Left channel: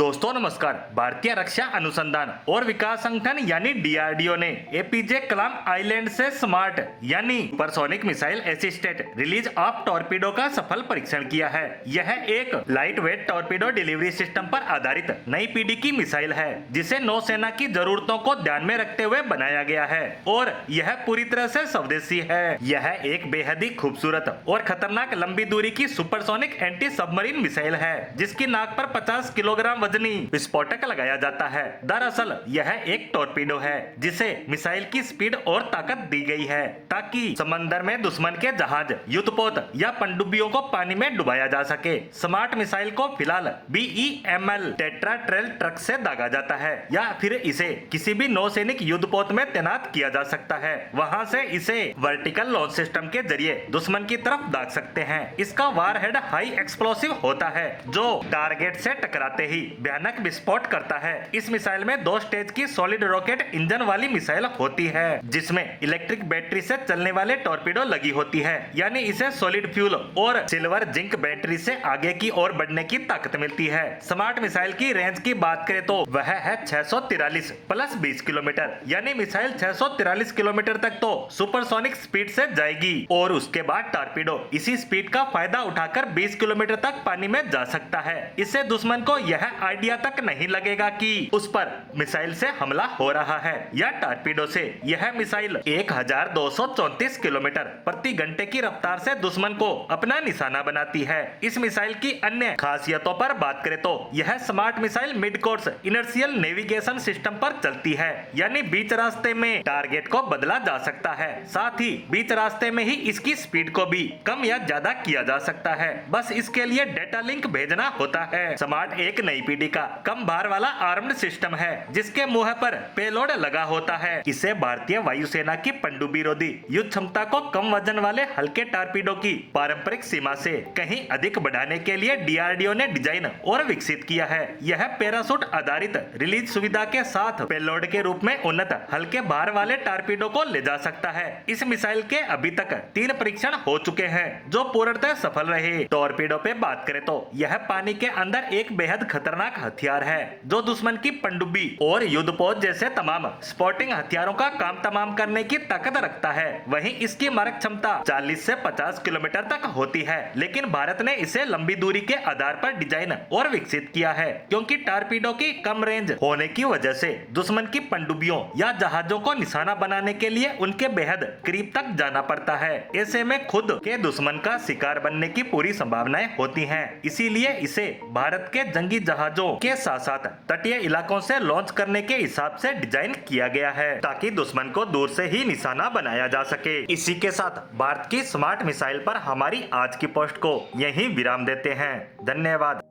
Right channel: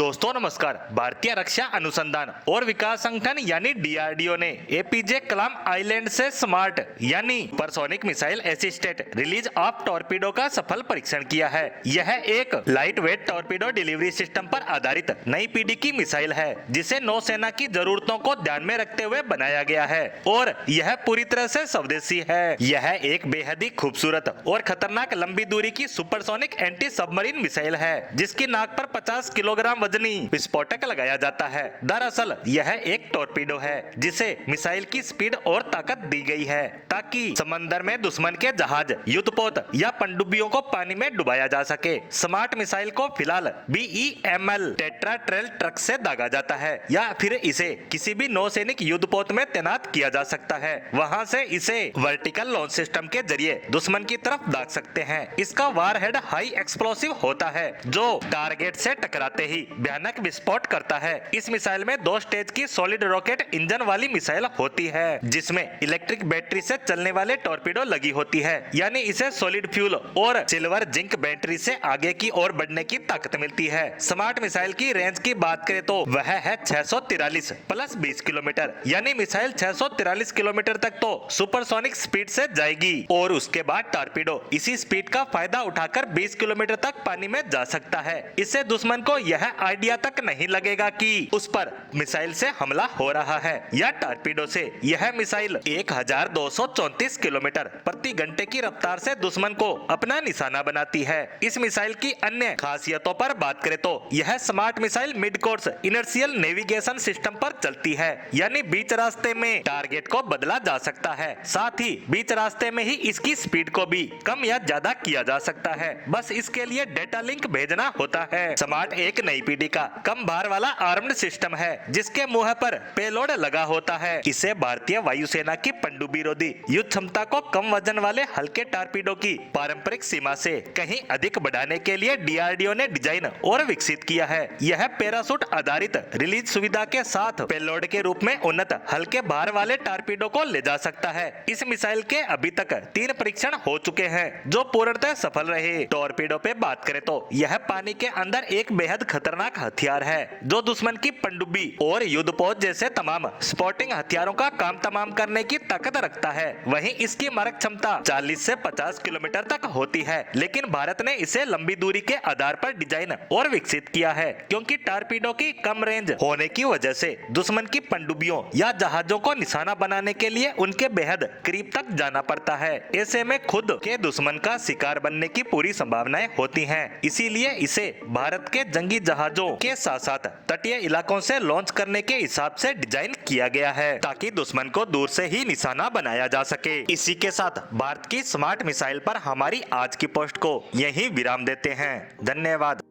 दोस्तों नमस्कार। भारतीय रक्षा अनुसंधान और विकास संगठन यानी डीआरडीओ ने एपीजे कलाम आइलैंड से स्मार्ट यानी supersonic missile assisted release of torpedo का सफल परीक्षण किया है। यह एक light weight torpedo delivery system पर आधारित नई पीढ़ी की मिसाइल है जिसे नौसेना की जरूरतों को ध्यान में रखते हुए बनाया गया है और यह पूरी तरह से स्वदेशी है। यह एक बेहद ही खूबसूरत और खतरनाक लंबी दूरी की सुपरसोनिक एंटी सबमरीन मिसाइल है जिसकी नाक पर 50 किलोग्राम वजनी विस्फोटक लगाया जाता है। दरअसल यह एक टॉर्पीडो है जिसे मिसाइल की स्पीड और ताकत दी गई है ताकि समंदर में दुश्मन के जहाज, युद्धपोत या पनडुब्बियों को पानी में डुबाया जा सके। स्मार्ट मिसाइल को फिलहाल BEML टेट्रा ट्रेल ट्रक से दागा जाता है या फिर इसे किसी भी नौसैनिक युद्धपोत में तैनात किया जा सकता है। वहां से इसे वर्टिकल लॉन्च सिस्टम के जरिए दुश्मन की तरफ दाग सकते हैं। इसका वारहेड हाई एक्सप्लोसिव होता है जो टारगेट से टकराते ही भयानक विस्फोट करता है। इस मिसाइल में 2 स्टेज की सॉलिड रॉकेट इंजन वाली मिसाइल होती है जिसमें इलेक्ट्रिक बैटरी से चलने वाले टॉर्पीडो लगी होती है, यानी इसे सॉलिड फ्यूल और सिल्वर जिंक बैटरी से आगे की ओर बढ़ने की ताकत मिलती है। स्मार्ट मिसाइल की रेंज की बात करें तो वह है 643 प्लस 20 किलोमीटर, यानी मिसाइल 643 किलोमीटर तक तो सुपरसोनिक स्पीड से जाएगी और उसके बाद टॉर्पीडो इसी स्पीड का फायदा उठाकर 20 किलोमीटर तक पानी में जा सकता है। इससे दुश्मन को यह आइडिया तक नहीं लगेगा कि उस पर मिसाइल से हमला हो रहा है या टॉर्पीडो से। यह मिसाइल 1234 किलोमीटर प्रति घंटे की रफ्तार से दुश्मन को अपना निशाना बनाती है। इस मिसाइल की अन्य खासियतों पर बात करें तो यह smart missile mid course inertial navigation system पर चलती है, यानी बीच रास्ते में टारगेट को बदला जा सकता है। साथ ही बीच रास्ते में ही इसकी स्पीड को भी कम या ज्यादा किया जा सकता है, बस इसके लिए डेटा लिंक भेजना होता है। स्मार्ट एक नई पीढ़ी का कम भार वाला आर्म्ड सिस्टम है जिसके मुंह पर पेलोड लगा होता है। इसे भारतीय वायुसेना की पनडुब्बी रोधी युद्ध क्षमता को कम वजन वाले हल्के टॉर्पीडो की पारंपरिक सीमा से कहीं अधिक बढ़ाने के लिए डीआरडीओ ने डिजाइन और विकसित किया है। यह पैराशूट आधारित रिलीज सुविधा के साथ पेलोड के रूप में उन्नत हल्के भार वाले टॉर्पीडो को ले जा सकता है। इस मिसाइल के अभी तक 3 परीक्षण हो चुके हैं जो पूर्णतः सफल रहे। टॉर्पीडो पे बात करें तो यह पानी के अंदर एक बेहद खतरनाक हथियार है जो दुश्मन की पनडुब्बी और युद्धपोत जैसे तमाम स्पोर्टिंग हथियारों का काम तमाम करने की ताकत रखता है। वहीं इसकी मारक क्षमता 40 से 50 किलोमीटर तक होती है, लेकिन भारत ने इसे लंबी दूरी के आधार पर डिजाइन और विकसित किया है क्योंकि टॉर्पीडो की कम रेंज होने की वजह से दुश्मन की पनडुब्बियों या जहाजों को निशाना बनाने के लिए उनके बेहद करीब तक जाना पड़ता है। ऐसे में खुद के दुश्मन का शिकार बनने की पूरी संभावनाएं होती हैं। इसीलिए इसे भारत के जंगी जहाजों के साथ साथ तटीय इलाकों से लॉन्च करने के हिसाब से डिजाइन किया गया है ताकि दुश्मन को दूर से ही निशाना बनाया जा सके। इसी के साथ भारत की स्मार्ट मिसाइल पर हमारी आज की पोस्ट को यहीं विराम देते हैं। धन्यवाद।